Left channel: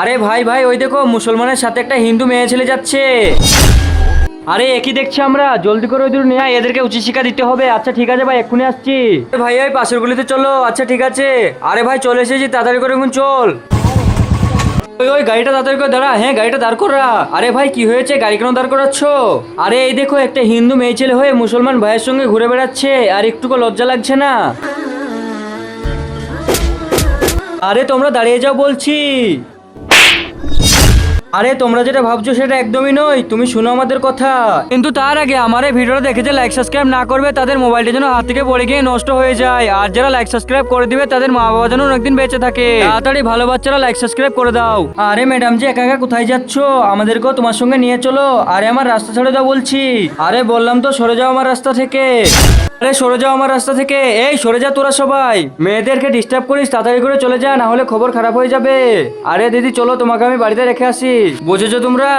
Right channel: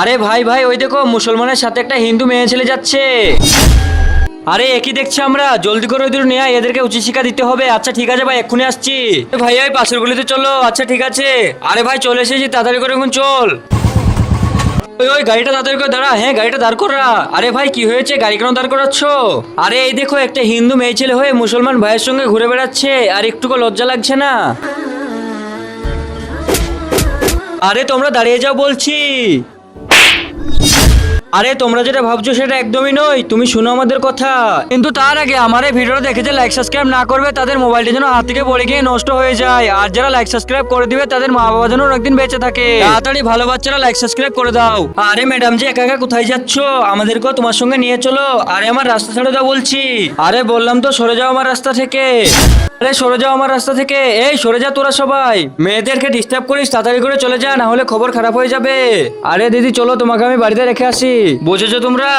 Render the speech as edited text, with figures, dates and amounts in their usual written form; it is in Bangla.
আরে ভাই ভাই, ওই দেখো মুসলমানের সাথে একটা হিন্দু মেয়ে ছেলে যাচ্ছে। আরে একই দেখছি আমরা, জলদি করে ওদের নিয়ে আয়, এদেরকে উচিত শিক্ষা দিতে হবে। আচ্ছা ঠিক আছে ভাই, এক্ষুনি আসছি। ভাই ওই পাশের গলিতে চলো। আচ্ছা ঠিক আছে। আরে ভাই চলে এসেছি, তাড়াতাড়ি করে এখন চল। ওই ওই গাড়িটা তাড়াতাড়ি করে দাঁড়া। হ্যাঁ গাড়িটা দাঁড় করা। আরে ভাই কি হয়েছে, গাড়ি কেন দাঁড় করাচ্ছ? আরে এই দেখো, একটা হিন্দু মেয়ে ছেলে হয়ে মুসলমান ভাইয়ের সঙ্গে ঘুরে বেড়াচ্ছে, আর একটুকু লজ্জা লাগছে না? আরে তোমরা দাঁড়িয়ে যাও বলছি। আরে তোমরা যেটা ভাবছো সেটা একদমই নয়, তুমি শোনো আমাদের কথা। কিন্তু তার আগে আমার এই ভিডিওটা দেখে যে লাইক সাবস্ক্রাইব না করবে, তাদের মোবাইলটা যেন হাত থেকে পড়ে গিয়ে নষ্ট হয়ে যায়। আর যারা লাইক সাবস্ক্রাইব করে দিবে, তাদের মা বাবা যেন অনেকদিন বেঁচে থাকে। তাড়াতাড়ি ভালো বাচ্চারা লাইক সাবস্ক্রাইব করে দাও। আরে ম্যাডাম যে একা একা কোথায় যাচ্ছ? আমাদেরকেও তোমার সঙ্গে নিয়ে চলো। আরে আমার রাস্তা ছেড়ে দাও বলছি। আরে বললাম তো সরে যাও আমার রাস্তা থেকে। আরে সরে যাও আমার রাস্তা থেকে। এই সরে যা তোরা সবাই। মেয়েদেরকে ডিস্টার্ব করিস, তাড়াতাড়ি করে চলে যা, না হলে খবর খারাপ হয়ে যাবে। আরে দিদি চলো, তোমাকে আমি বাড়িতে রেখে আসি। বুঝেছো তোমরা?